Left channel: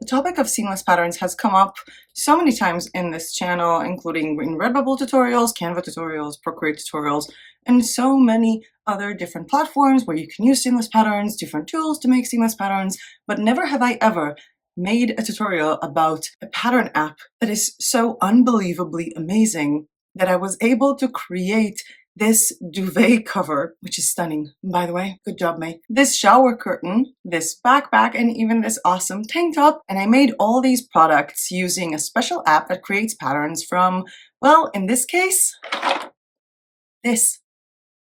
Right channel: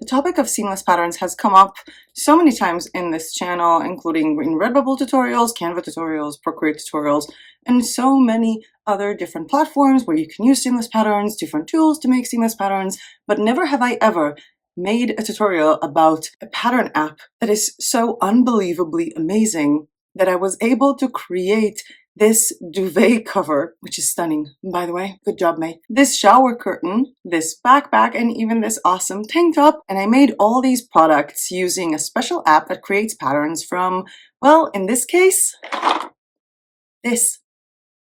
The topic of seamless patterns has come up so many times in this channel, including in Redbubble tutorials, Canva tutorials, Procreate tutorials, and so many other different platforms where you can use seamless patterns, different tools to make seamless patterns, but never have I ever made a tutorial about a pattern app that is so unbelievably amazing that I was able to create this duvet cover, which is stunning, by the way. Good job, May. This shower curtain, this backpack, and even this awesome tank top. And I made all these products using a special app that creates patterns from, well, in this case, this.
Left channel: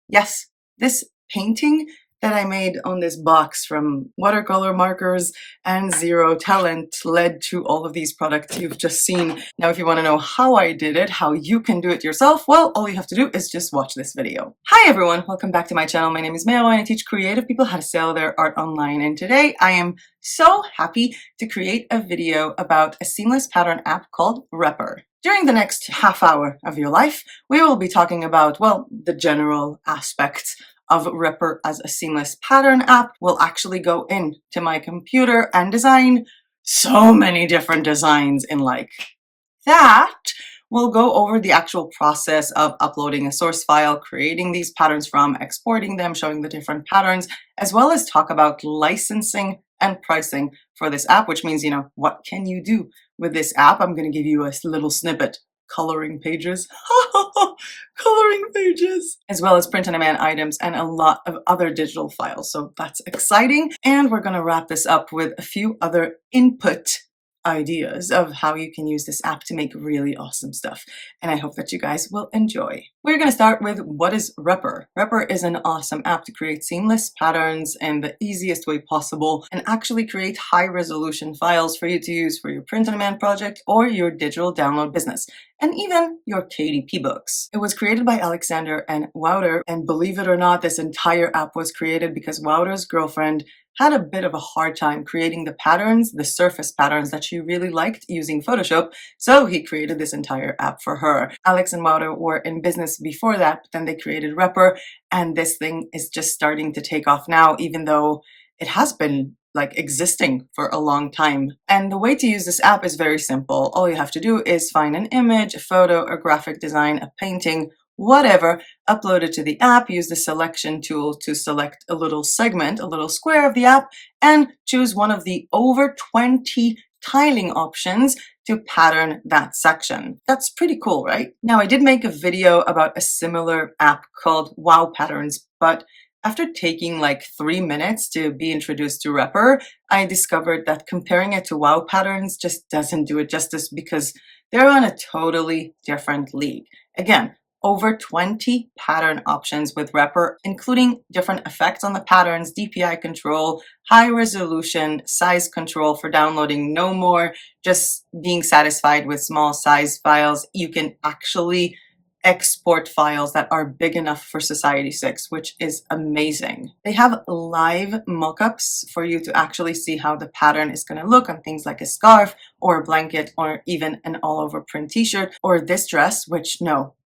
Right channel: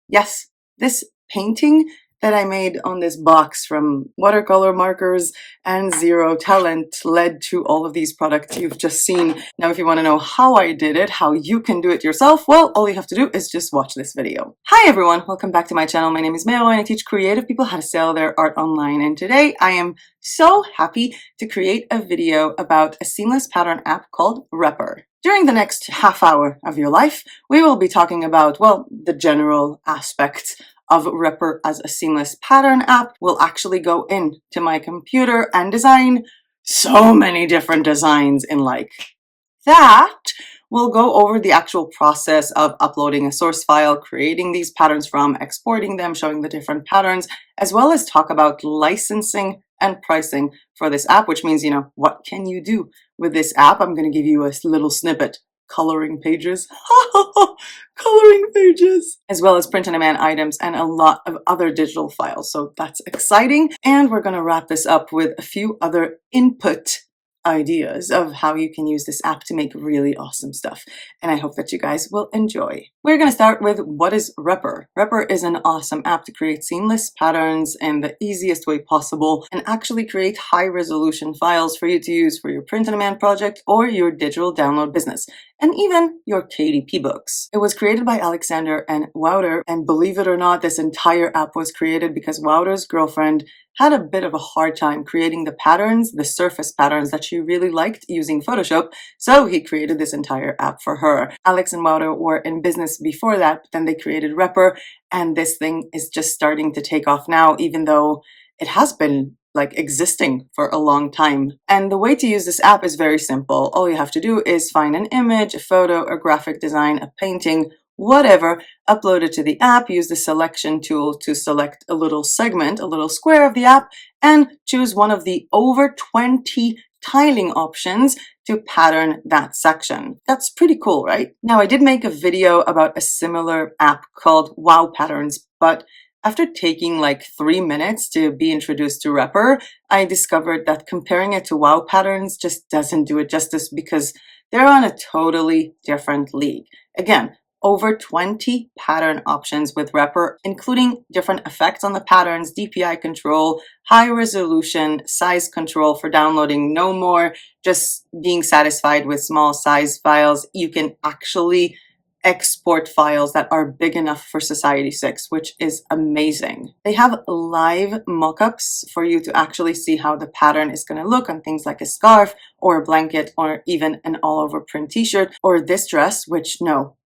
Yes, this painting that I made on this box from watercolor markers and zero talent led to all of these products you've just seen. Now, if you want to know how I did it, how you can do it yourself, well, all you have to do is just watch this video. Hi everyone, welcome back to my channel. My name is Mayo and I teach creative people how to sell their art online. And today I am so happy to create a video about a seamless pattern app called Repper. During the next half hour of your life, we will be talking about, well, the general aspects of Repper as a seamless pattern app. We'll actually go into my computer and design so many different designs in like that. We'll go over the actual process of uploading a source file, creating these patterns from, exporting them, showing the different patterns, as well as talk about licensing and pricing for this app, which means, what can you do with this app? I'm going to give you a little snippet. Coloring pages, coloring pages, as well as print-on-demand items and a lot of other digital files. So that's exciting. And we're going to wrap this up with a few other input ideas of how you can use this app to make really awesome stuff. And I hope that you guys will enjoy. We're going to start with what is Repper. Repper is an awesome app to create seamless patterns in the easiest way possible and actually create high resolution files for you to use for your print-on-demand project or your digital download business, and even your KDP books. It was created by Alexander and Wouter, and believe it or not, this entire app was created because Wouter's girlfriend had a bit of a hard time creating the patterns, the surface patterns that she really liked using Photoshop, so he created this entire app for her. Alex and Wouter were in business before that, but then they created Repper, and this thing is just starting to take off now, even though it has been existing for a long time. And the way to use this app is very simple. All you have to do is find an image, a photo, a graphic design, a painting, whatever, upload it to the app, use the selection tool to select a little segment, a little square of the app, and choose one of the over 20 tiling options to pattern that section. That's pretty cool, right? Now, I did make a video about a similar app called Wow Patterns, but after taking 3 minutes to be introduced to Repper, I discovered that comparing it to Wow Patterns just doesn't do it justice because they're on a totally different league. Again, over 20 pattern options with Repper, including different effects on the patterns, DPI control, high resolution, size control for downloading, no more just being satisfied with small size files. You can actually export files that are big enough for Society 6, which is amazing. They have live mockups for you to actually see how the pattern is going to look on things like a scarf or a blanket or even an all-over print t-shirt or this dress, which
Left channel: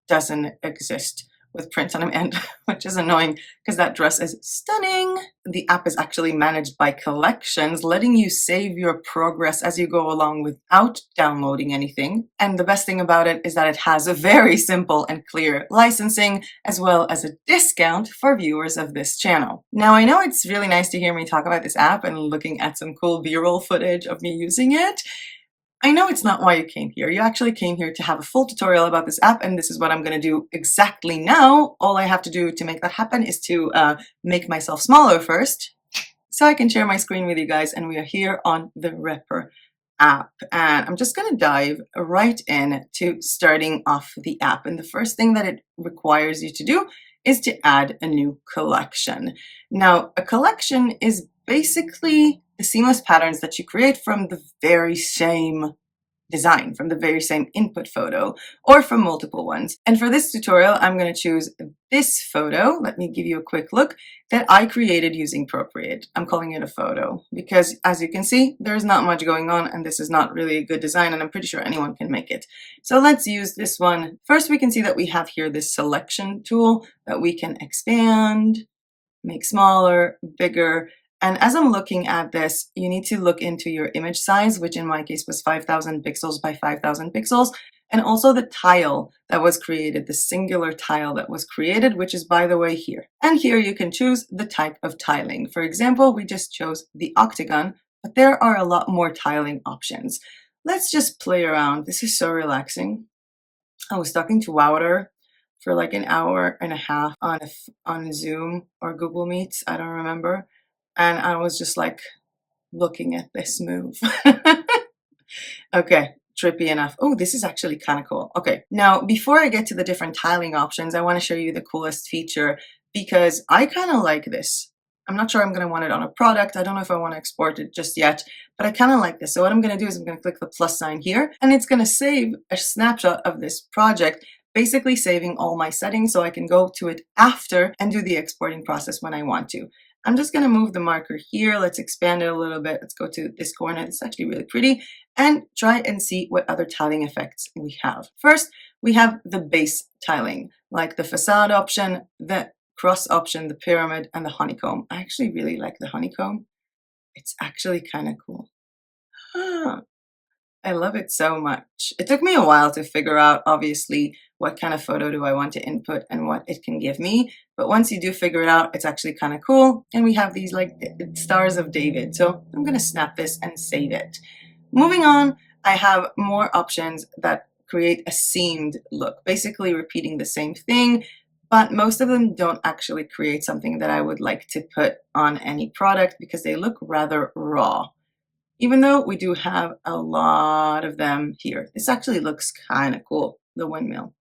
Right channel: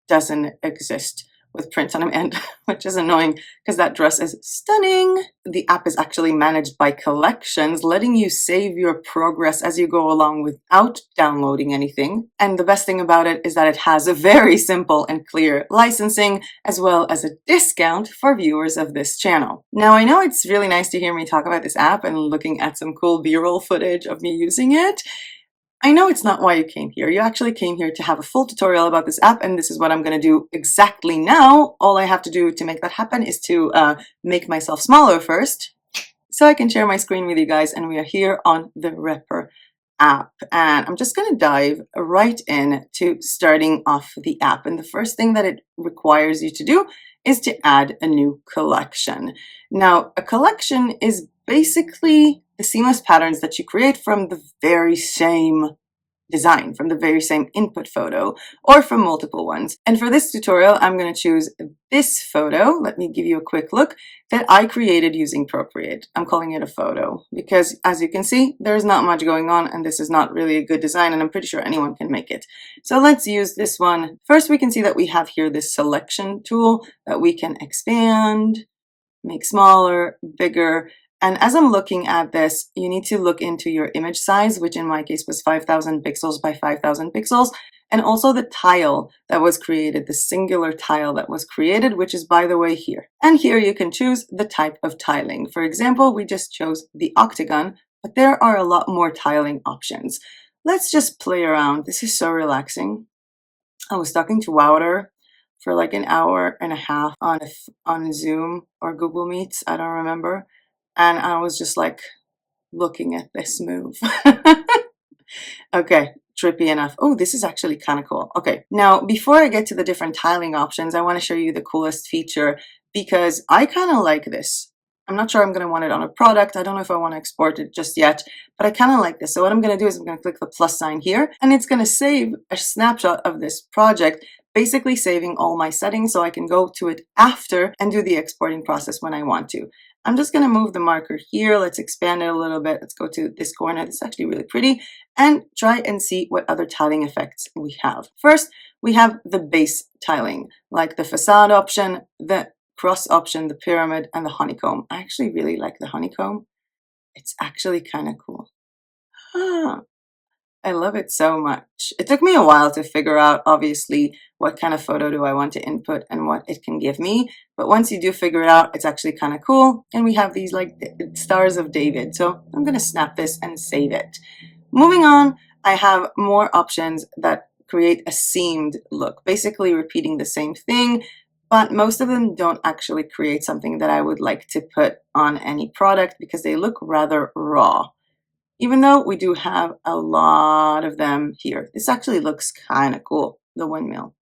doesn't exist with print on demand, which is annoying because that dress is stunning. The app is actually managed by collections, letting you save your progress as you go along without downloading anything. And the best thing about it is that it has a very simple and clear licensing, as well as a discount for viewers of this channel. Now, I know it's really nice to hear me talk about this app and looking at some cool B-roll footage of me using it. I know it's not why you came here. You actually came here to have a full tutorial about this app, and this is what I'm going to do exactly now. All I have to do to make that happen is to make myself smaller first, so I can share my screen with you guys, and we are here on the Repper app. And I'm just going to dive right in to starting off the app. And the first thing that it requires you to do is to add a new collection. Now, a collection is basically the seamless patterns that you create from the very same design, from the very same input photo, or from multiple ones. And for this tutorial, I'm going to choose this photo. Let me give you a quick look that I created using Procreate. I'm calling it a photo because, as you can see, there's not much going on, and this is not really a good design, and I'm pretty sure anyone can make it. So let's use this one. First, we can see that we have here this selection tool that we can expand, make smaller, bigger, And as I'm looking at this, you need to look into your image size, which in my case was 5,000 pixels by 5,000 pixels, and also the tile that was created, the singular tile that was created, which is, by the way, here. And here you can choose the type of tiling. For example, we just chose the octagon, but there are a lot more tiling options. Let's just play around. This is so relaxing. I was talking to Wouter for like an hour and a half on Zoom or Google Meets, I don't remember. And I was just like looking at this move. Okay, trippy enough. Oh, this is actually kind of cool. Okay, now before I get to the different tiling options, I want to show you the coolest feature because I kind of like this. I'm not sure I'm going to want it on a product. I don't know if I want to export it just yet, but I kind of like this. So what I'm going to do is I'm going to click the plus sign here, and it's going to save a snapshot of this project, basically saving all my settings so I can go to it after and do the exporting process when I want to. I'm just going to move the marker here. Let's expand it a little bit. Let's go to this corner. It's actually really pretty, and try and see what other tiling effects we have. First, we have the base tiling, like the facade option, the cross option, the pyramid, and the honeycomb. I actually really like the honeycomb. It's actually kind of cool. I love it so much. It took me a while to figure out, obviously, what kind of photo do I want to input and what it can give me. But once you do figure it out, it's actually kind of cool. And we have these like stars of David. So I'm going to snap this and save it. Moving on, I have more options that create a seamed look, basically repeating the same thing, but most of them don't actually create something that I would like to put on any product because they look rather raw. Even though we do have a lot of them here. This actually looks kind of cool, the windmill,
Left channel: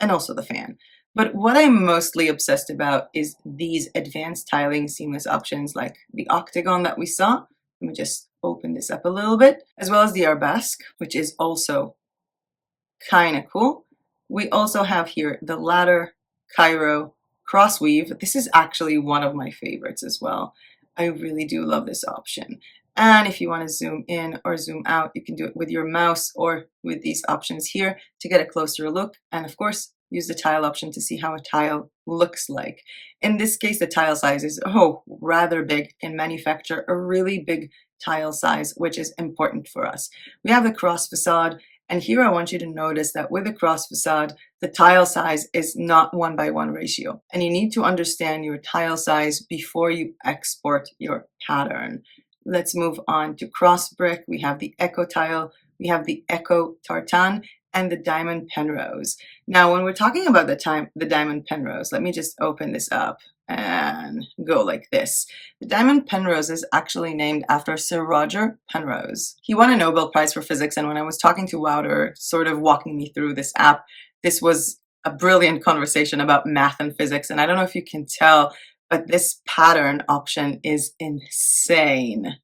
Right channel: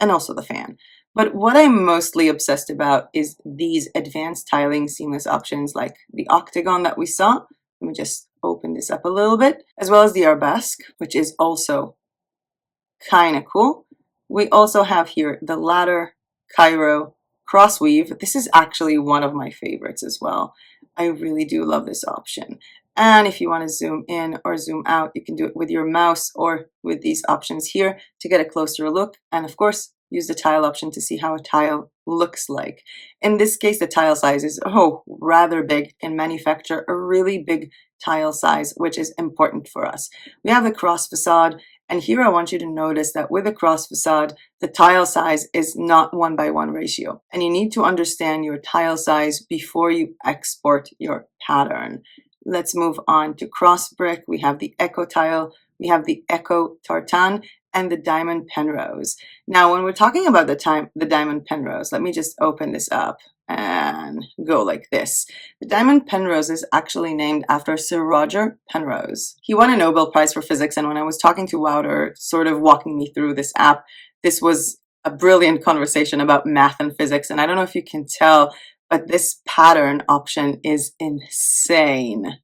and also the fan. But what I'm mostly obsessed about is these advanced tiling seamless options like the octagon that we saw. Let me just open this up a little bit, as well as the arabesque, which is also kind of cool. We also have here the ladder, Cairo, cross weave. This is actually one of my favorites as well. I really do love this option. And if you want to zoom in or zoom out, you can do it with your mouse or with these options here to get a closer look. And of course, use the tile option to see how a tile looks like. In this case, the tile size is rather big. In manufacture a really big tile size, which is important for us. We have the cross facade. And here I want you to notice that with the cross facade, the tile size is not 1:1 ratio. And you need to understand your tile size before you export your pattern. Let's move on to cross brick. We have the echo tile, we have the echo tartan, and the diamond penrose. Now, when we're talking about the diamond penrose, let me just open this up and go like this. The diamond penrose is actually named after Sir Roger Penrose. He won a Nobel Prize for Physics, and when I was talking to Wouter, sort of walking me through this app, this was a brilliant conversation about math and physics, and I don't know if you can tell, but this pattern option is insane.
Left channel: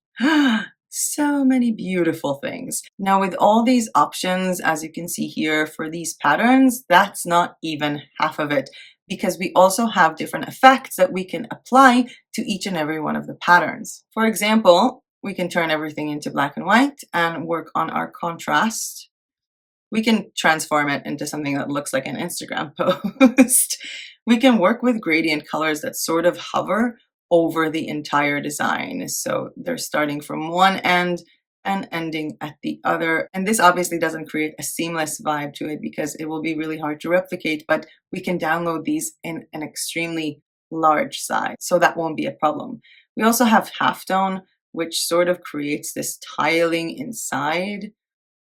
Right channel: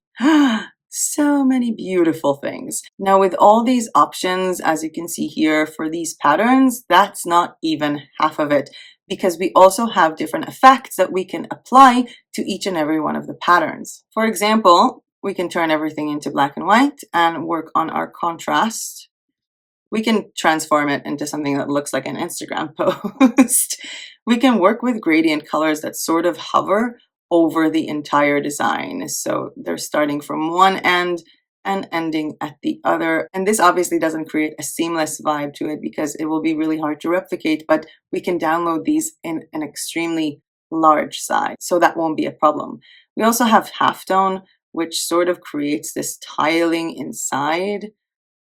So many beautiful things. Now with all these options, as you can see here for these patterns, that's not even half of it, because we also have different effects that we can apply to each and every one of the patterns. For example, we can turn everything into black and white and work on our contrast. We can transform it into something that looks like an Instagram post. We can work with gradient colors that sort of hover over the entire design. So they're starting from one end and ending at the other. And this obviously doesn't create a seamless vibe to it because it will be really hard to replicate, but we can download these in an extremely large size, so that won't be a problem. We also have halftone, which sort of creates this tiling inside,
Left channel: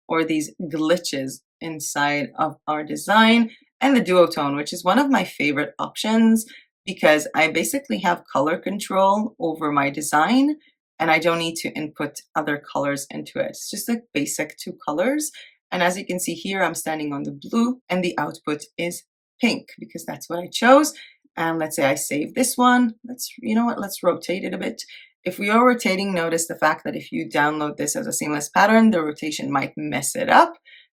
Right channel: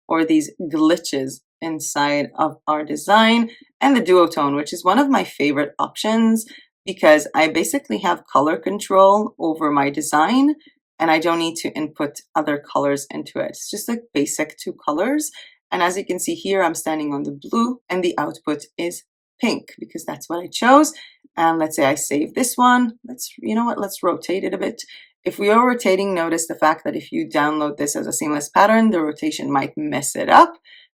or these glitches inside of our design, and the duotone, which is one of my favorite options because I basically have color control over my design and I don't need to input other colors into it. It's just like basic two colors. And as you can see here, I'm standing on the blue and the output is pink because that's what I chose. And let's say I save this one. Let's rotate it a bit. If we are rotating, notice the fact that if you download this as a seamless pattern, the rotation might mess it up.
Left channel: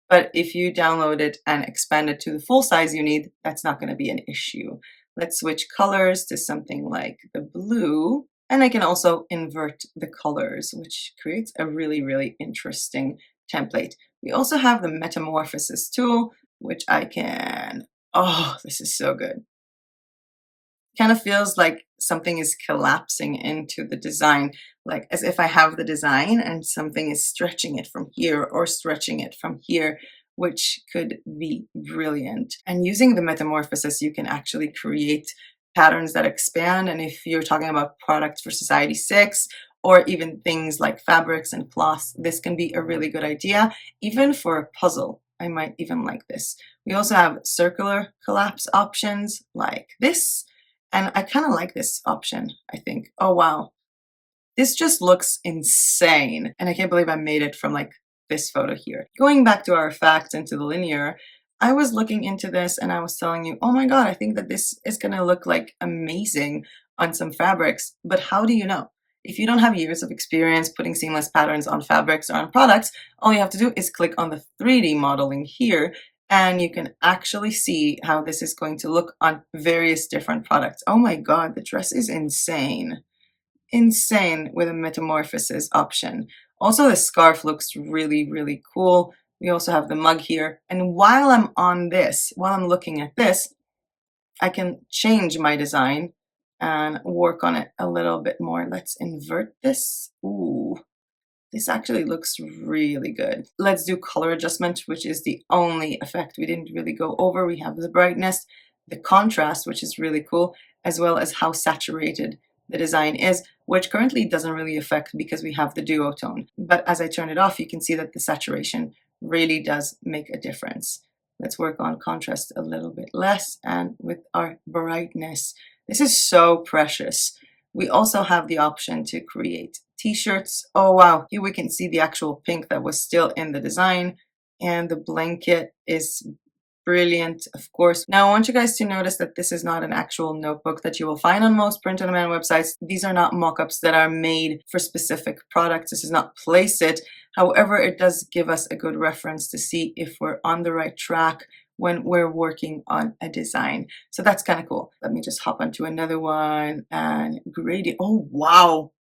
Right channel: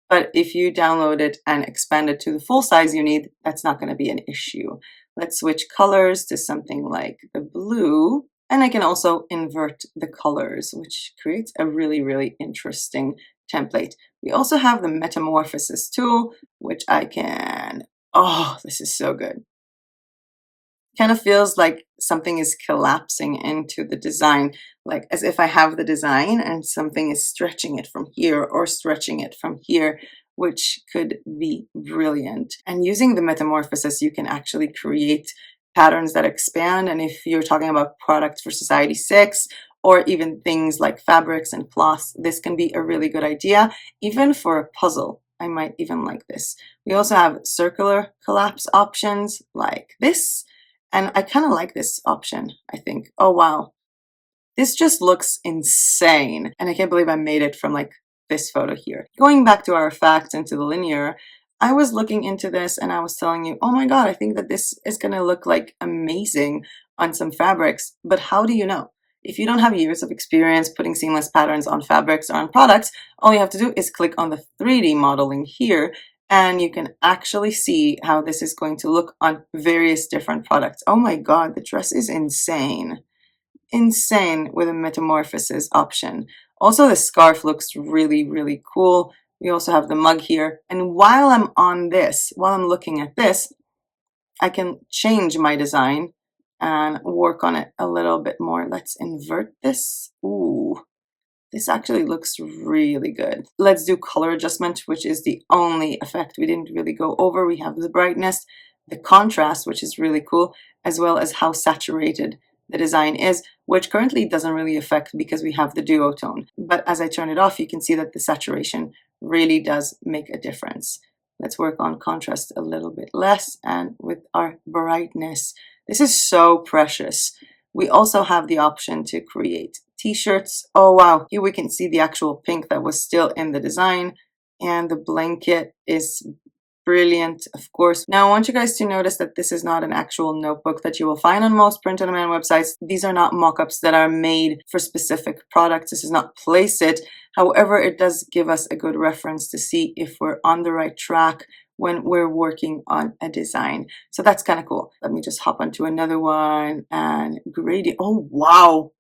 But if you download it and expand it to the full size you need, that's not going to be an issue. Let's switch colors to something like the blue. And I can also invert the colors, which creates a really, really interesting template. We also have the metamorphosis tool, which I can, this is so good. Kind of feels like something is collapsing into the design, like as if I have the design and something is stretching it from here or stretching it from here, which could be brilliant. And using the metamorphosis, you can actually create patterns that expand. And if you're talking about products for Society 6 or even things like fabrics and cloths, this can be a really good idea. Even for a puzzle, I might even like this. We also have circular collapse options like this. And I kind of like this option, I think. Oh, wow. This just looks insane. And I can't believe I made it from like this photo here. Going back to our facts and to the linear, I was looking into this and I was telling you, oh my God, I think that this is going to look like amazing on some fabrics. But how do you know? If you don't have years of experience putting seamless patterns on fabrics or on products, all you have to do is click on the 3D modeling here and you can actually see how this is going to look on various different products. Oh my God, the dress is insane. Insane with a metamorphosis option. Also, the scarf looks really, really cool. We also have the mug here. And while I'm on this, while I'm looking at this, I can change my design and work on it a little bit more. Let's invert this. Ooh. This actually looks really good. Let's do color adjustment, which is the only effect we didn't really go over. We have the brightness, the contrast, which is really cool, as well as how saturated the design is, which currently doesn't really affect because we have the duotone. But as I turn it off, you can see that the saturation really does make a difference. Let's work on contrast a little bit less and with our brightness. This is so precious. We also have the option to create t-shirts. Oh wow, here we can see the actual pink that was still in the design, and the blanket is brilliant, of course. Now I want you guys to notice that this is not an actual notebook that you will find on most print-on-demand websites. These are not mock-ups that are made for specific products. This is not Place It. However, it does give us a good reference to see if we're on the right track when we're working on a design. So that's kind of cool. Let me just hop onto another one and gradient. Oh, wow.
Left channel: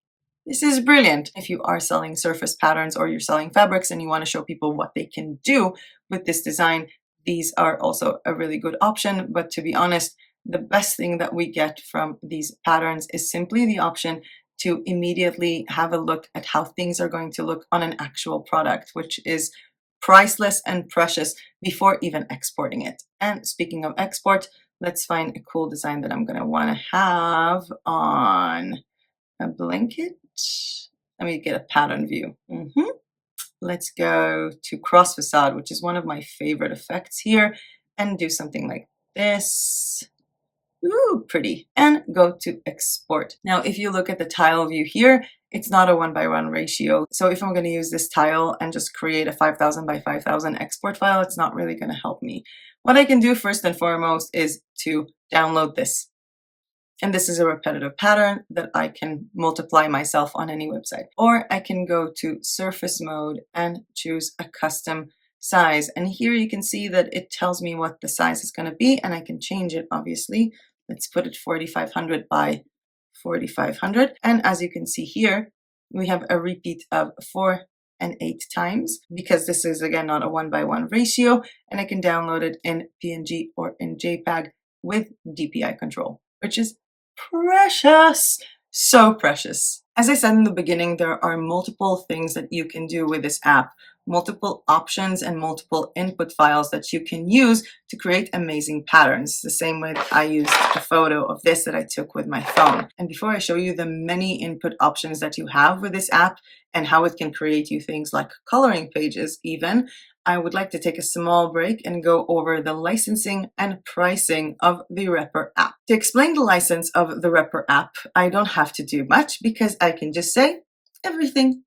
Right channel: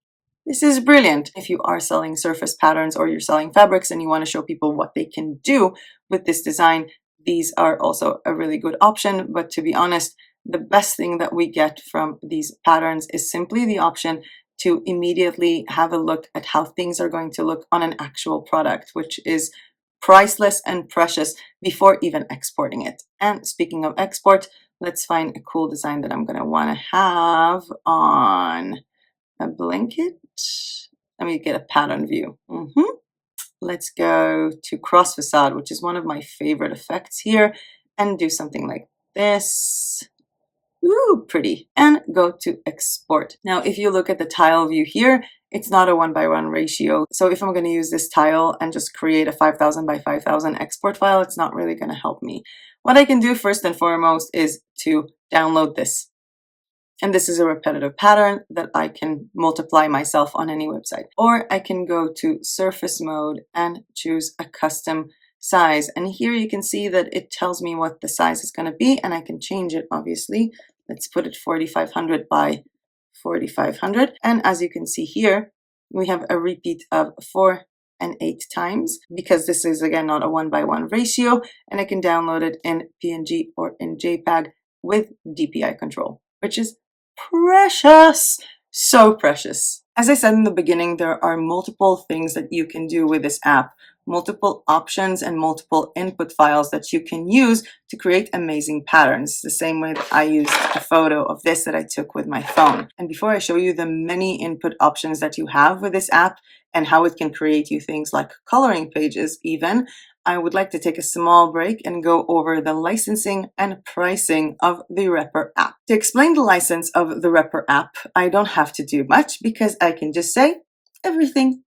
This is brilliant. If you are selling surface patterns or you're selling fabrics and you want to show people what they can do with this design, these are also a really good option. But to be honest, the best thing that we get from these patterns is simply the option to immediately have a look at how things are going to look on an actual product, which is priceless and precious before even exporting it. And speaking of export, let's find a cool design that I'm going to want to have on a blanket. Let me get a pattern view. Let's go to cross facade, which is one of my favorite effects here, and do something like this. Ooh, pretty. And go to export. Now, if you look at the tile view here, it's not a 1:1 ratio. So if I'm going to use this tile and just create a 5000 by 5000 export file, it's not really going to help me. What I can do first and foremost is to download this. And this is a repetitive pattern that I can multiply myself on any website. Or I can go to surface mode and choose a custom size. And here you can see that it tells me what the size is going to be, and I can change it, obviously. Let's put it 4500 by 4500. And as you can see here, we have a repeat of 4 and 8 times, because this is again not a 1:1 ratio, and I can download it in PNG or in JPEG with DPI control, which is precious, so precious. As I said in the beginning, there are multiple things that you can do with this app, multiple options and multiple input files that you can use to create amazing patterns. The same way that I used a photo of this that I took with my phone. And before I show you the many input options that you have with this app and how it can create you things like coloring pages even, I would like to take a small break and go over the licensing and pricing of the Repr app. To explain the license of the Repr app, I don't have to do much because I can just say everything.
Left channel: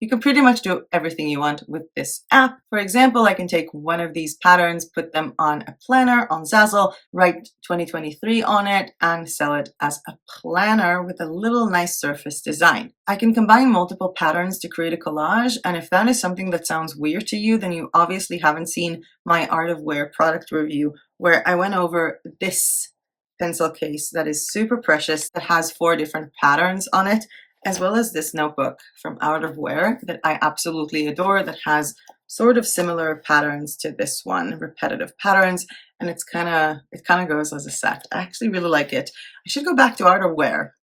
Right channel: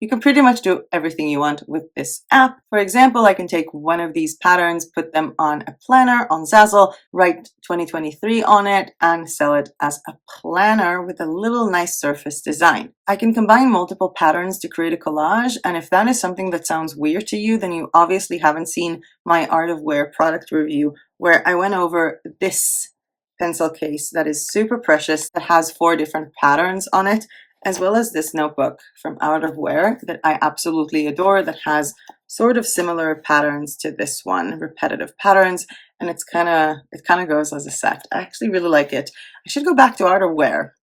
You can pretty much do everything you want with this app. For example, I can take one of these patterns, put them on a planner on Zazzle, write 2023 on it, and sell it as a planner with a little nice surface design. I can combine multiple patterns to create a collage, and if that is something that sounds weird to you, then you obviously haven't seen my Art of Wear product review, where I went over this pencil case that is super precious, that has 4 different patterns on it, as well as this notebook from Art of Wear that I absolutely adore, that has sort of similar patterns to this one, repetitive patterns, and it kind of goes as a set. I actually really like it. I should go back to art or wear.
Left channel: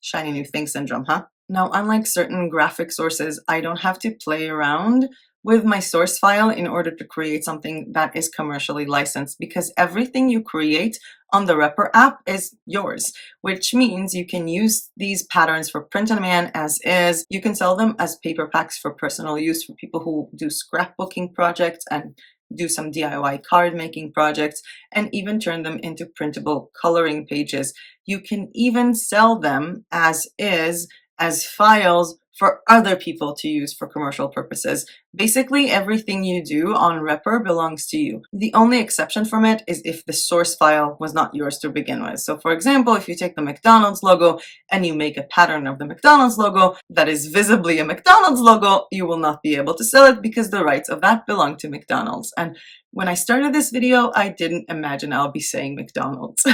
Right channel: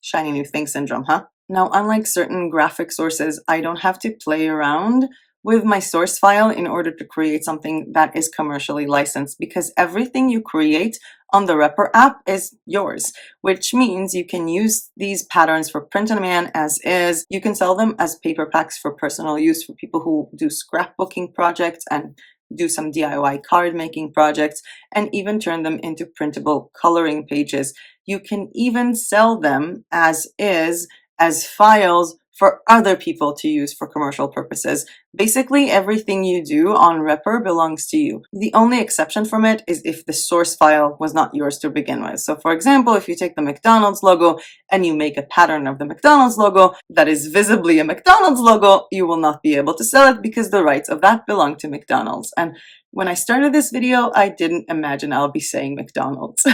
Shiny new thing syndrome, huh? Now, unlike certain graphic sources, I don't have to play around with my source file in order to create something that is commercially licensed, because everything you create on the Repr app is yours, which means you can use these patterns for print on demand as is. You can sell them as paper packs for personal use for people who do scrapbooking projects and do some DIY card making projects, and even turn them into printable coloring pages. You can even sell them as is, as files for other people to use for commercial purposes. Basically, everything you do on Repr belongs to you. The only exception from it is if the source file was not yours to begin with. So for example, if you take the McDonald's logo and you make a pattern of the McDonald's logo that is visibly a McDonald's logo, you will not be able to sell it because the rights of that belong to McDonald's. And when I started this video, I didn't imagine I'll be saying McDonald's.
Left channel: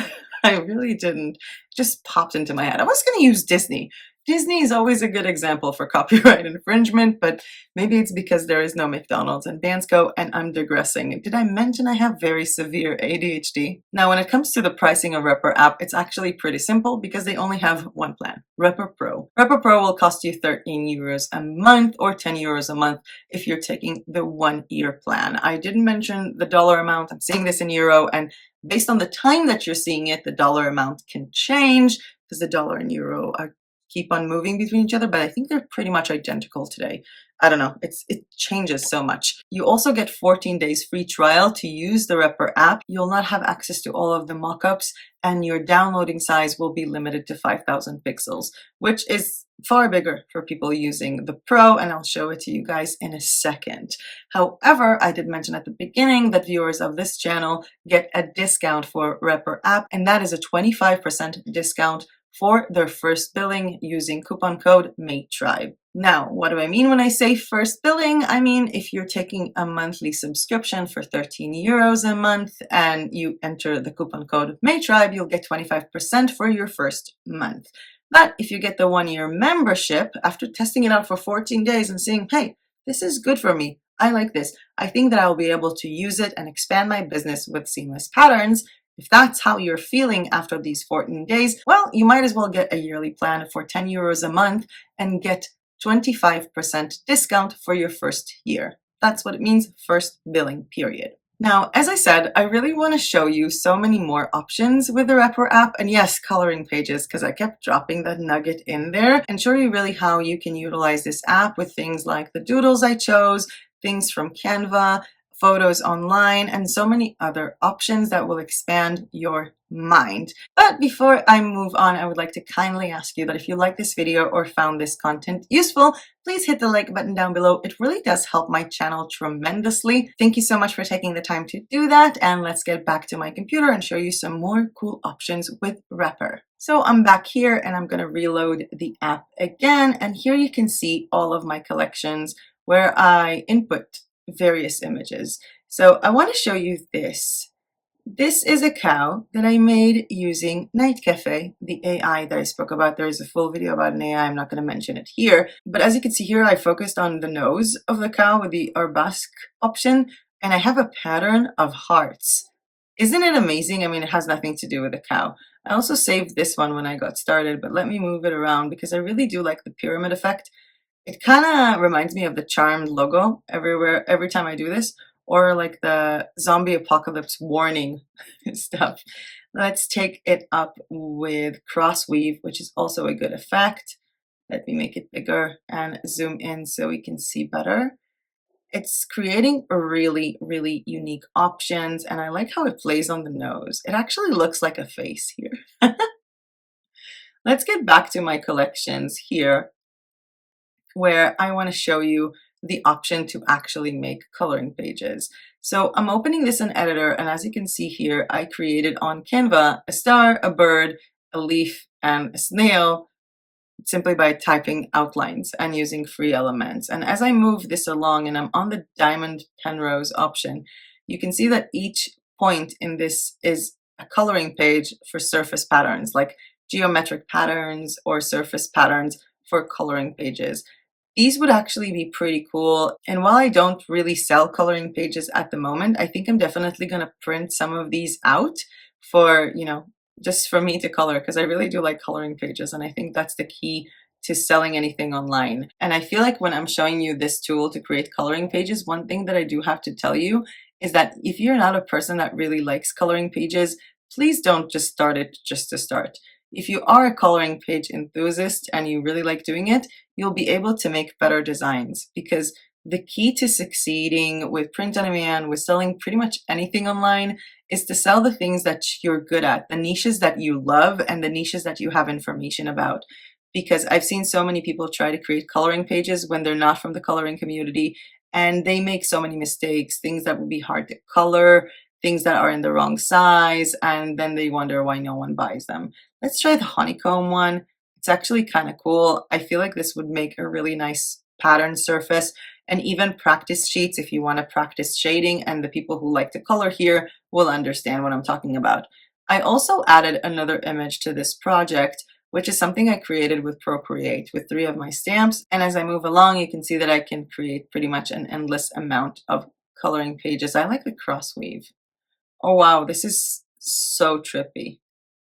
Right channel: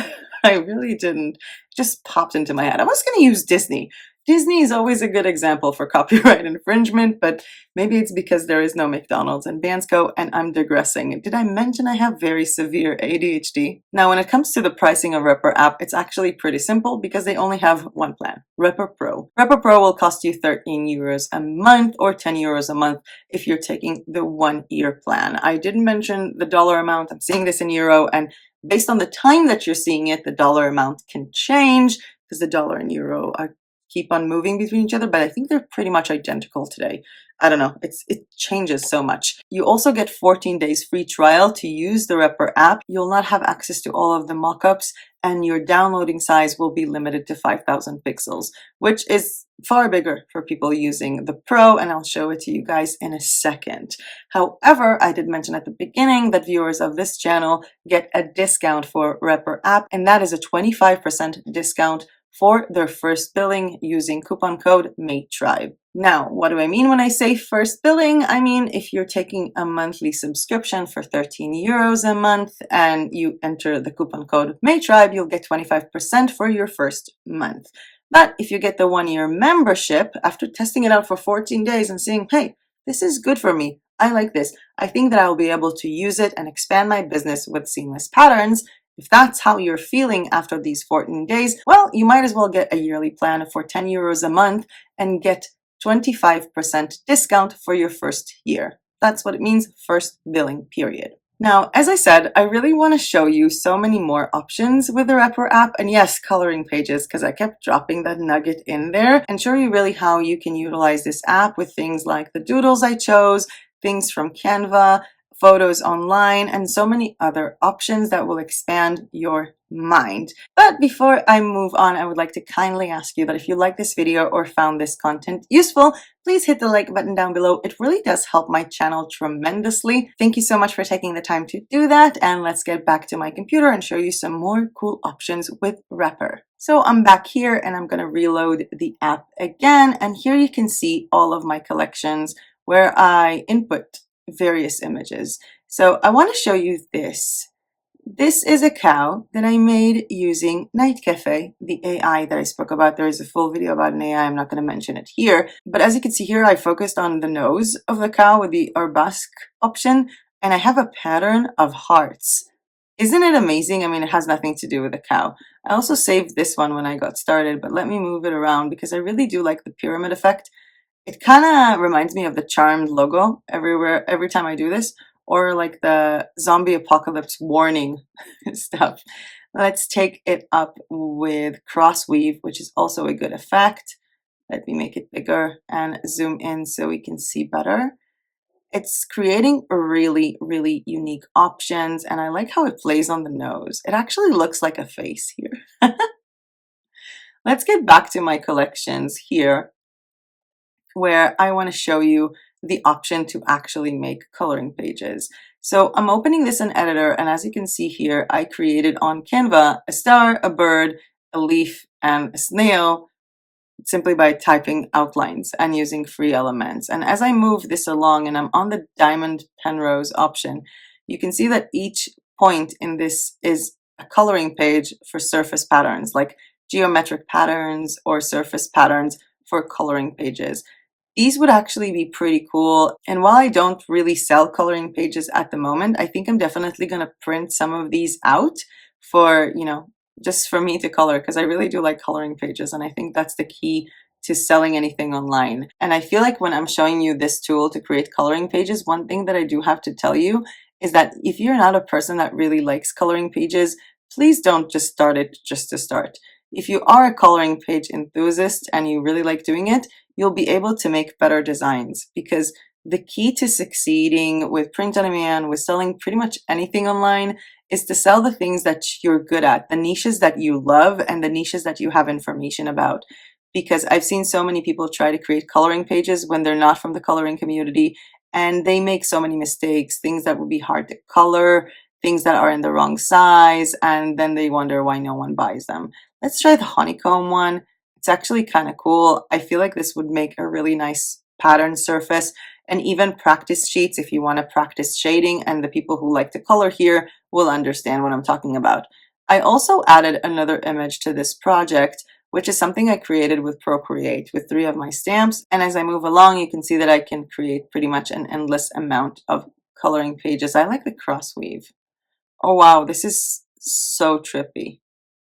I really didn't. It just popped into my head. I was going to use Disney. Disney is always a good example for copyright infringement, but maybe it's because there is no McDonald's in Bansko, and I'm digressing. Did I mention I have very severe ADHD? Now, when it comes to the pricing of Repr app, it's actually pretty simple because they only have one plan, Repr Pro. Repr Pro will cost you 13 euros a month or 10 euros a month if you're taking the 1 year plan. I didn't mention the dollar amount. I'm seeing this in euro, and based on the time that you're seeing it, the dollar amount can change because the dollar and euro keep on moving between each other, but I think they're pretty much identical today. I don't know, it changes so much. You also get 14 days free trial to use the Repr app. You'll not have access to all of the mockups, and your downloading size will be limited to 5,000 pixels, which is far bigger for people using the Pro, and I'll show it to you guys in a second. However, I did mention at the beginning that viewers of this channel get a discount for Repr app, and that is a 25% discount for their first billing using coupon code MATETRIBE. Now, what do I mean when I say first billing? I mean, if you're taking a monthly subscription for 13 euros a month and you enter the coupon code MATETRIBE, you'll get 25% for your first month. But if you get the 1 year membership, after testing it out for 14 days and seeing, hey, this is good for me, I like this, I think that I'll be able to use it and expand my business with seamless patterns. If that's how you're feeling after these 14 days, well, you might as well get a yearly plan for 10 euros a month and get 25% discount for your first year. That's what it means, first billing period. Now, as I said, I really want to show you so many more options with the Repr app, and yes, coloring pages, because I kept dropping that nugget in there, and show you really how you can utilize this app with things like the doodles I chose, things from Canva, photos online, and so many other options that will expand your mind. But before I move on, I would like to kindly ask you that if you like this video or found this content useful, please hit the like button down below. It really does help my channel tremendously. Thank you so much for taking the time to do that, and let's get back to my computer and show you some more cool options with Repr. So I'm back here and I'm going to reload the app again, and here you can see all of my collections where I input various images. So I want to show you this. This is a cow that I made using Night Cafe, the AI that I spoke about. There is a full video about an AI. I'm not going to mention it here. But as you can see here, I focused on the nose of the cow with the arabesque option, and I have a pattern of hearts. Isn't it amazing? I mean, it has nothing to do with the cow. I also saved this one when I got started, but let me move it around because I really do like the pyramid effect. It kind of reminds me of the Charmed logo every time I do this, or like the zombie apocalypse warning stuff. Let's take it up with cross weave, which is also a good effect. Let me make it bigger and zoom in so we can see better. It's creating really, really unique options, and I like how it plays on the nose. It actually looks like a face here. Let's get back to my collections here, where I want to show you the option to actually make coloring pages. So I'm opening this in editor, and as you can see here, I created on Canva a star, a bird, a leaf, and a snail simply by typing outlines and using free elements. And as I move this along and I'm on the diamond penrose option, you can see that each point in this is a coloring page for surface patterns, like geometric patterns or surface patterns for coloring pages. These would actually be pretty cool. And while I don't really sell coloring pages at the moment, I think I'm definitely going to print some of these out for, just for me to color, because I really do like coloring pages. And I think that's the key to selling anything online. And I feel like when I'm showing you this tool to create coloring pages, one thing that I do have to tell you is that if you're not a person that really likes coloring pages, please don't just start it just to start. If you are a coloring page enthusiast and you really like doing it, you'll be able to make better designs, because the key to succeeding with print on demand, with selling pretty much anything online, is to sell the things that you're good at, the niches that you love and the niches that you have information about. Because I've seen so many people try to create coloring pages when they're not from the coloring community, and they make so many mistakes, things that would be hard to color, things that are in the wrong size, and then they wonder why no one buys them. Let's try the honeycomb one. It's actually kind of cool. I feel like this would make a really nice pattern surface, and even practice sheets if you want to practice shading, and the people who like to color here will understand what I'm talking about. I also added another image to this project, which is something I created with Procreate with 3 of my stamps. And as I move along, you can see that I can create pretty much an endless amount of coloring pages. I like the cross weave. Oh wow, this is so trippy.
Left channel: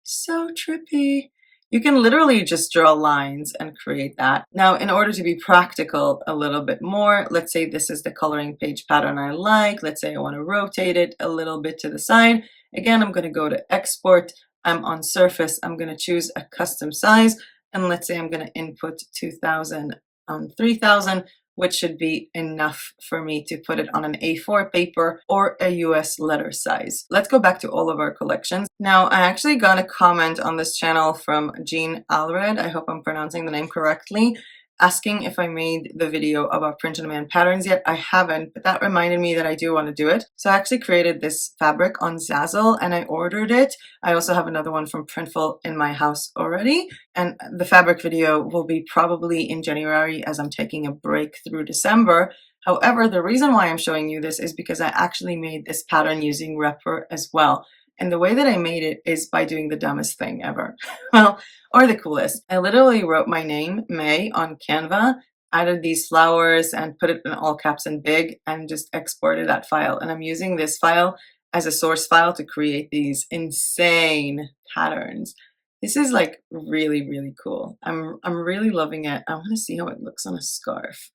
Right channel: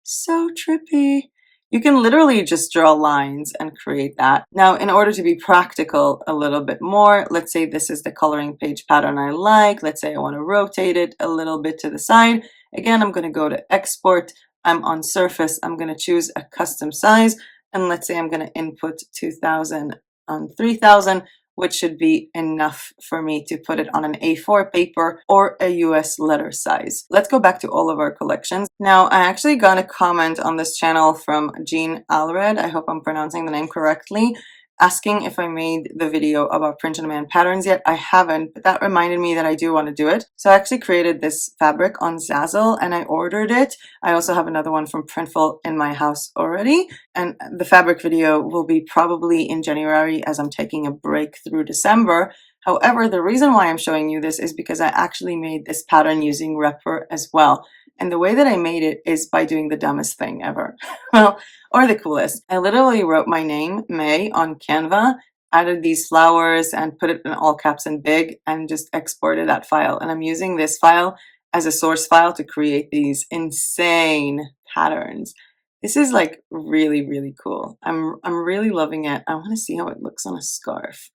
So trippy. You can literally just draw lines and create that. Now, in order to be practical a little bit more, let's say this is the coloring page pattern I like. Let's say I want to rotate it a little bit to the side. Again, I'm going to go to export. I'm on surface. I'm going to choose a custom size. And let's say I'm going to input 2000 on 3000, which should be enough for me to put it on an A4 paper or a US letter size. Let's go back to all of our collections. Now, I actually got a comment on this channel from Jean Alred, I hope I'm pronouncing the name correctly, asking if I made the video about print-on-demand patterns yet. I haven't, but that reminded me that I do want to do it. So I actually created this fabric on Zazzle and I ordered it. I also have another one from Printful in my house already. And the fabric video will be probably in January, as I'm taking a break through December. However, the reason why I'm showing you this is because I actually made this pattern using Repr as well. And the way that I made it is by doing the dumbest thing ever. Well, or the coolest. I literally wrote my name, May, on Canva, added these flowers and put it in all caps and big, and just exported that file. And I'm using this file as a source file to create these insane patterns. This is like really, really cool. I'm really loving it. I want to see how it looks on a scarf.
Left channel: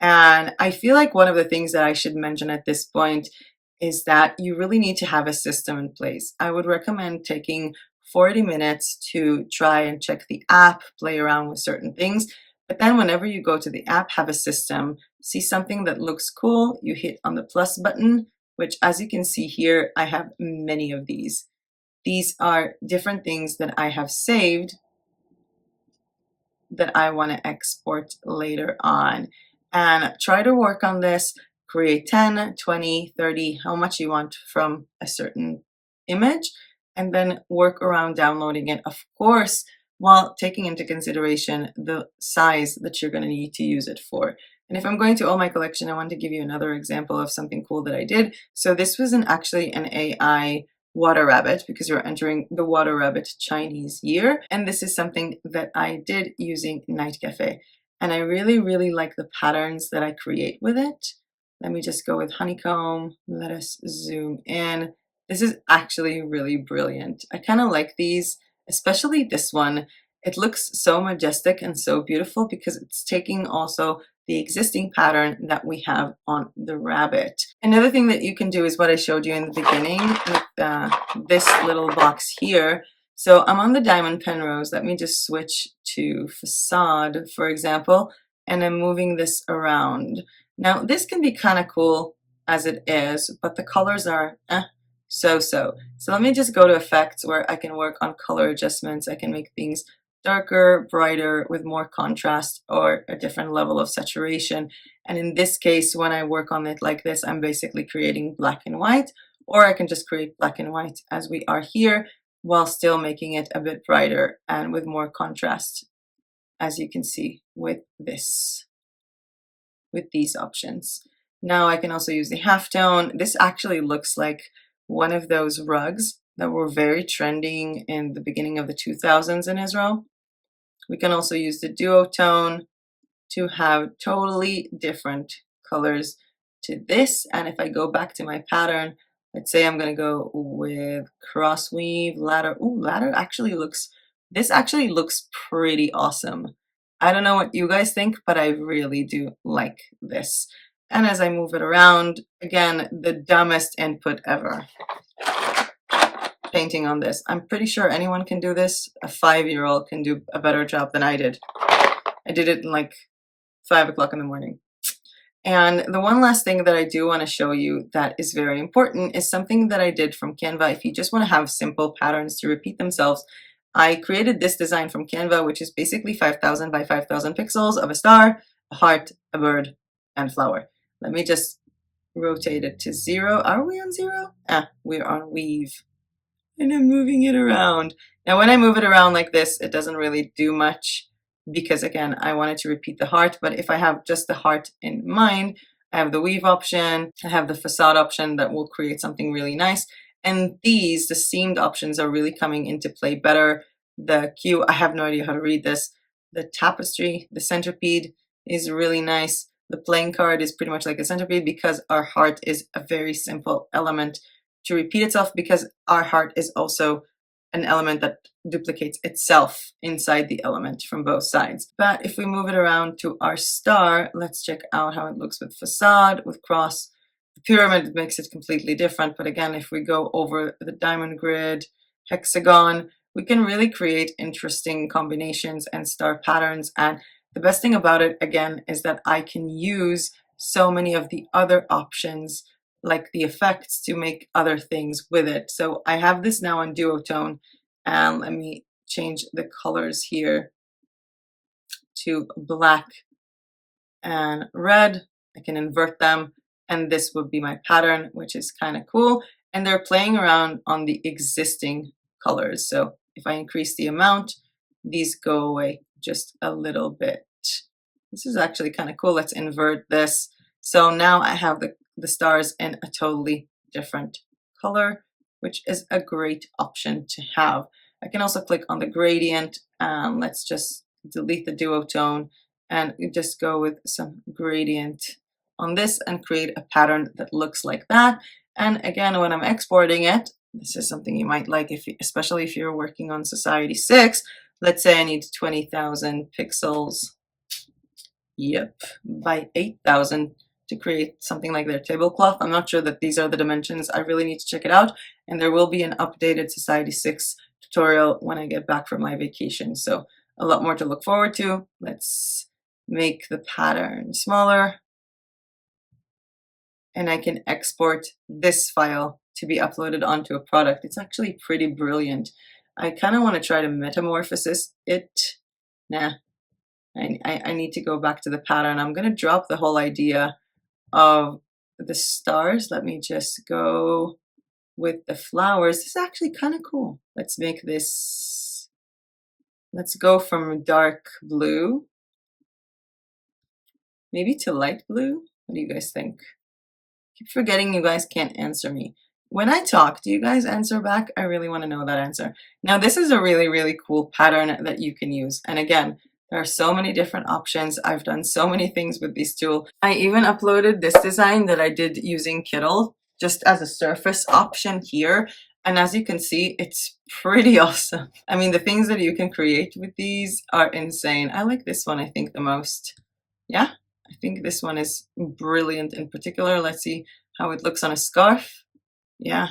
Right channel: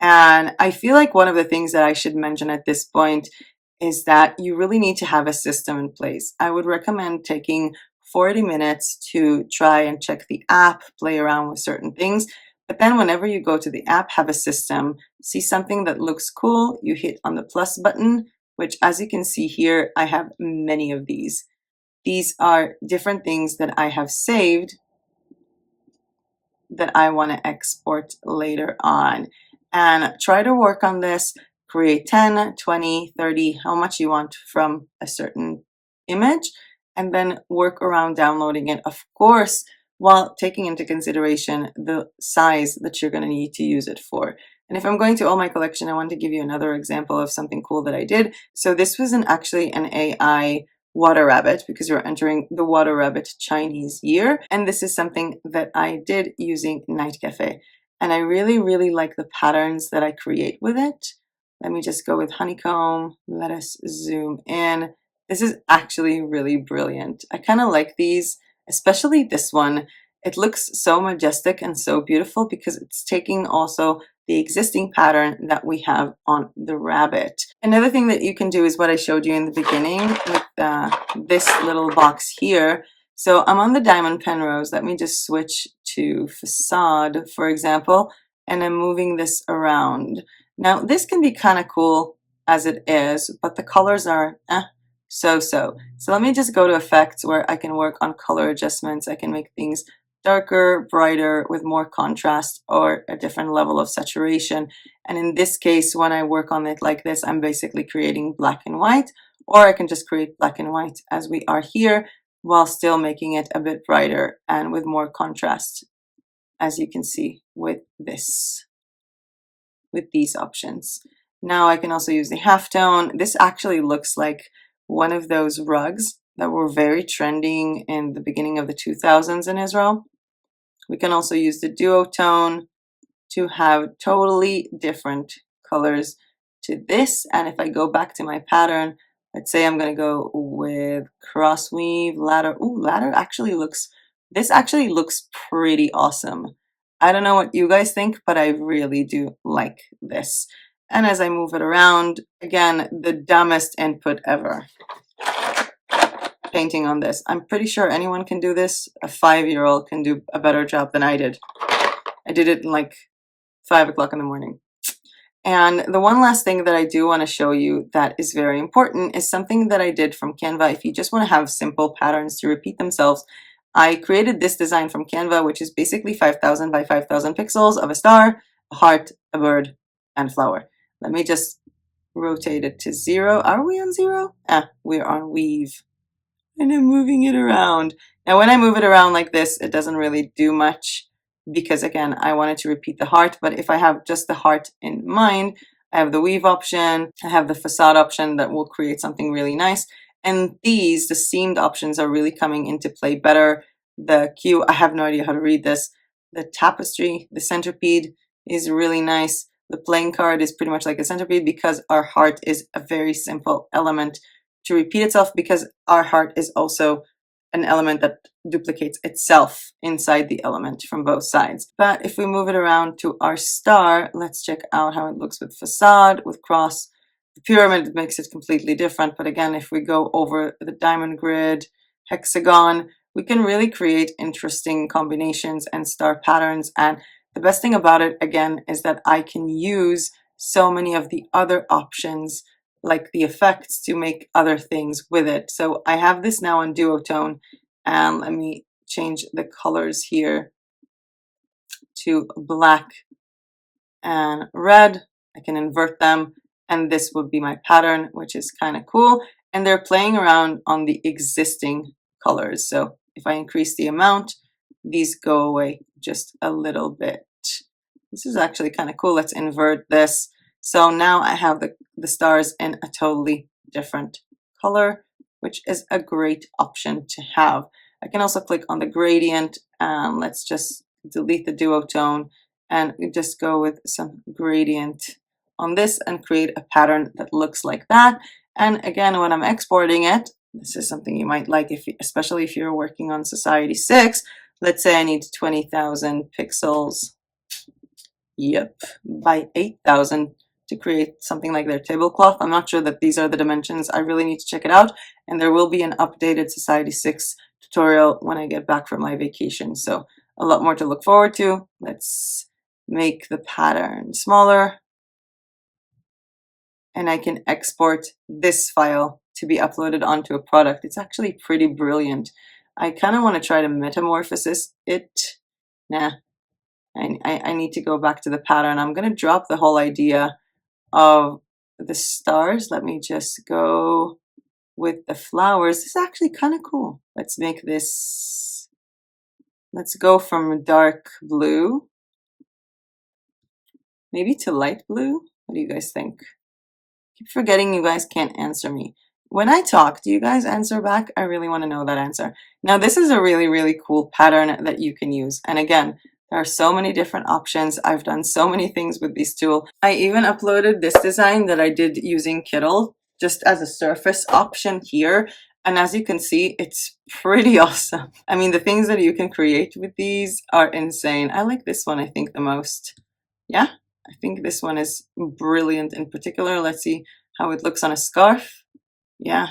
And I feel like one of the things that I should mention at this point is that you really need to have a system in place. I would recommend taking 40 minutes to try and check the app, play around with certain things. But then whenever you go to the app, have a system, see something that looks cool, you hit on the plus button, which as you can see here, I have many of these. These are different things that I have saved that I want to export later on. And try to work on this, create 10, 20, 30, how much you want from a certain image, and then work around downloading it, of course, while taking into consideration the size that you're going to need to use it for. And if I'm going to all my collection, I want to give you another example of something cool that I did. So this was actually an AI water rabbit, because we're entering the water rabbit Chinese year. And this is something that I did using Night Cafe. And I really, really like the patterns that I create with it. Let me just go with honeycomb. Let us zoom in. This is actually really brilliant. I kind of like these, especially this one. It looks so majestic and so beautiful because it's taking also the existing pattern that we have on the rabbit. Another thing that you can do is what I showed you in the beginning with this little box here. So I'm on the diamond penrose. Let me just switch to facade, for example, and I'm moving this around. Now this can be kind of cool as it is, but the colors are so-so. So let me just go to effects where I can work on color adjustments. I can make things darker, brighter, with more contrast or a different level of saturation. And in this case, when I work on it like this, I'm basically creating black and white, or I can just create black and white as we are here, while still making it a bit brighter and with more contrast, as you can see with this, with these options. Now I can also use the halftone. This actually looks like one of those rugs that were very trending in the beginning of the 2000s in Israel. We can also use the duotone to have totally different colors to this. And if I go back to my pattern, let's say I'm going to go with cross weave ladder. Ooh, ladder actually looks, this actually looks pretty awesome. I don't know what you guys think, but I really do like this. And as I move it around, again, the dumbest input ever. Painting on this. I'm pretty sure anyone can do this. A 5-year-old can do a better job than I did. I did it in like 5 o'clock in the morning. And the one last thing that I do want to show you that is very important is something that I did from Canva. If you just want to have simple patterns to repeat themselves, I created this design from Canva, which is basically 5,000 by 5,000 pixels of a star, a heart, a bird, and a flower. Let me just rotate it to 0. Are we on 0? We're on weave. And I'm moving it around. Now when I move it around like this, it doesn't really do much because again, I wanted to repeat the heart, but if I have just the heart in mind, I have the weave option, I have the facade option that will create something really nice. And these, the seamed options are really coming into play better. The Q, I have no idea how to read this. The tapestry, the centipede is really nice. The playing card is pretty much like a centipede because our heart is a very simple element to repeat itself because our heart is also an element that duplicates itself inside the element from both sides. But if we move it around to our star, let's check out how it looks with facade, with cross. The pyramid makes it completely different, but again, if we go over the diamond grid, hexagon, we can really create interesting combinations and star patterns. And the best thing about it, again, is that I can use so many of the other options like the effects to make other things with it. So I have this now on duotone, and let me change the colors here to black and red. I can invert them, and this would be my pattern, which is kind of cool. And they're playing around on the existing colors. So if I increase the amount, these go away just a little bit. This is actually kind of cool. Let's invert this. So now I have the stars in a totally different color, which is a great option to have. I can also click on the gradient, and let's just delete the duotone and just go with some gradient on this and create a pattern that looks like that. And again, when I'm exporting it, this is something you might like, especially if you're working on Society 6. Let's say I need 20,000 pixels. Yep, by 8,000 to create something like their tablecloth. I'm not sure that these are the dimensions. I really need to check it out. And there will be an updated Society 6 tutorial when I get back from my vacation. So a lot more to look forward to. Let's make the pattern smaller. And I can export this file to be uploaded onto a product. It's actually pretty brilliant. I kind of want to try to metamorphosis it. Nah, I need to go back to the pattern. I'm going to drop the whole idea of the stars. Let me just go with the flowers. This is actually kind of cool. Let's make this, let's go from dark blue maybe to light blue. What do you guys think? I keep forgetting you guys can't answer me. When I talk, do you guys answer back? I really want to know that answer. Now this is a really, really cool pattern that you can use. And again, there are so many different options. I've done so many things with this tool. I even uploaded this design that I did using KITTL just as a surface option here. And as you can see, it's pretty awesome. I mean, the things that you can create with these are insane. I like this one, I think, the most. Yeah, I think this one is brilliant in particular. Let's see how it looks on a scarf. Yeah,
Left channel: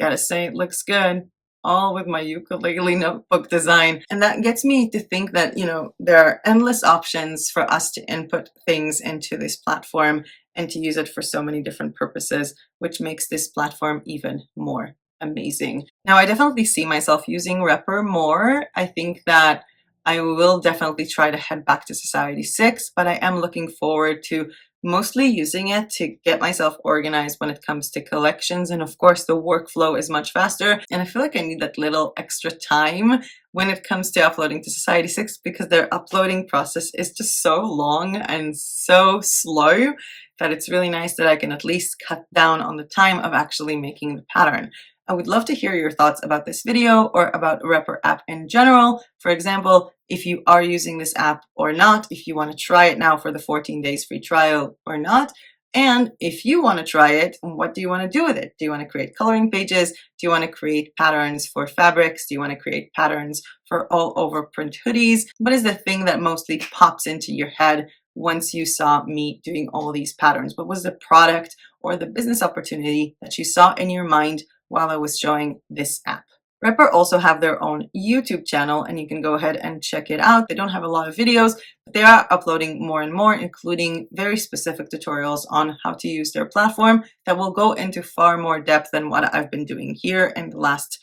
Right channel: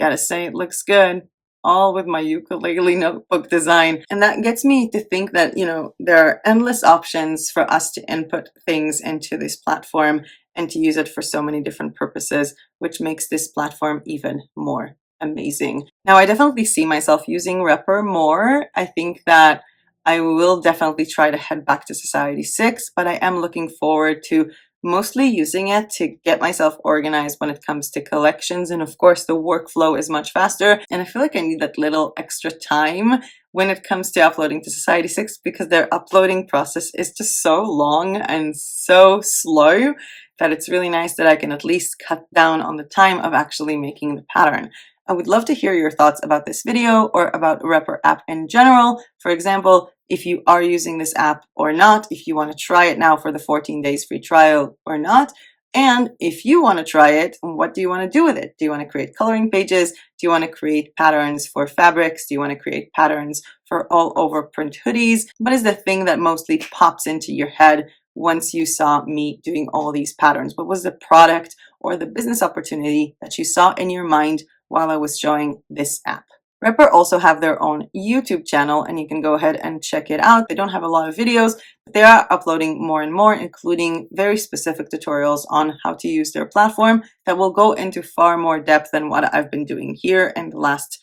gotta say it looks good. All with my ukulele notebook design. And that gets me to think that, you know, there are endless options for us to input things into this platform and to use it for so many different purposes, which makes this platform even more amazing. Now, I definitely see myself using Repr more. I think that I will definitely try to head back to Society 6, but I am looking forward to mostly using it to get myself organized when it comes to collections. And of course, the workflow is much faster. And I feel like I need that little extra time when it comes to uploading to Society 6 because their uploading process is just so long and so slow that it's really nice that I can at least cut down on the time of actually making the pattern. I would love to hear your thoughts about this video or about Repr app in general. For example, if you are using this app or not, if you want to try it now for the 14 days free trial or not. And if you want to try it, what do you want to do with it? Do you want to create coloring pages? Do you want to create patterns for fabrics? Do you want to create patterns for all over print hoodies? What is the thing that mostly pops into your head once you saw me doing all these patterns? What was the product or the business opportunity that you saw in your mind while I was showing this app? Repr also have their own YouTube channel, and you can go ahead and check it out. They don't have a lot of videos, but they are uploading more and more, including very specific tutorials on how to use their platform that will go into far more depth than what I've been doing here in the last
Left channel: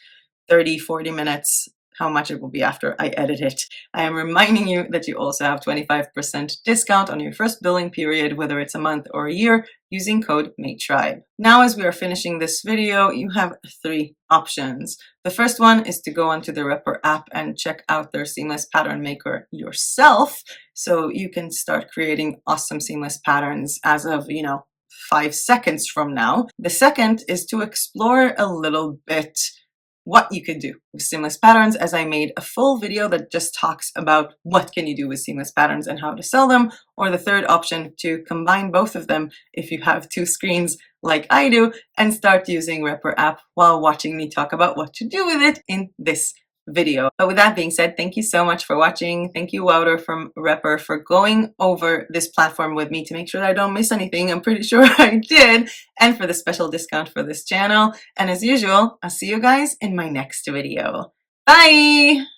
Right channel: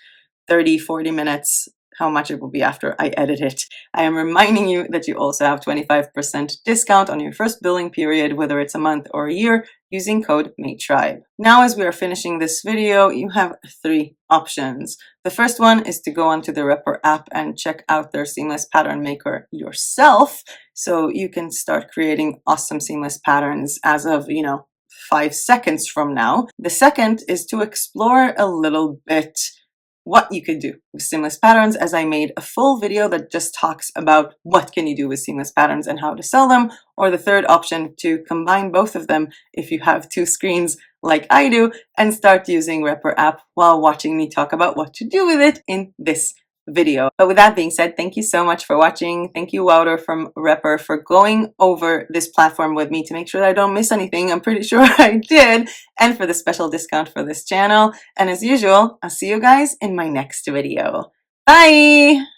30-40 minutes, how much it will be after I edit it. I am reminding you that you also have 25% discount on your first billing period, whether it's a month or a year, using code MATETRIBE. Now, as we are finishing this video, you have 3 options. The first one is to go onto the Repr app and check out their seamless pattern maker yourself, so you can start creating awesome seamless patterns as of, 5 seconds from now. The second is to explore a little bit what you could do with seamless patterns, as I made a full video that just talks about what can you do with seamless patterns and how to sell them. Or the third option, to combine both of them if you have 2 screens like I do, and start using Repr app while watching me talk about what to do with it in this video. But with that being said, thank you so much for watching. Thank you, Wouter from Repr, for going over this platform with me to make sure that I don't miss anything. I'm pretty sure I did. And for the special discount for this channel. And as usual, I'll see you guys in my next video. Bye!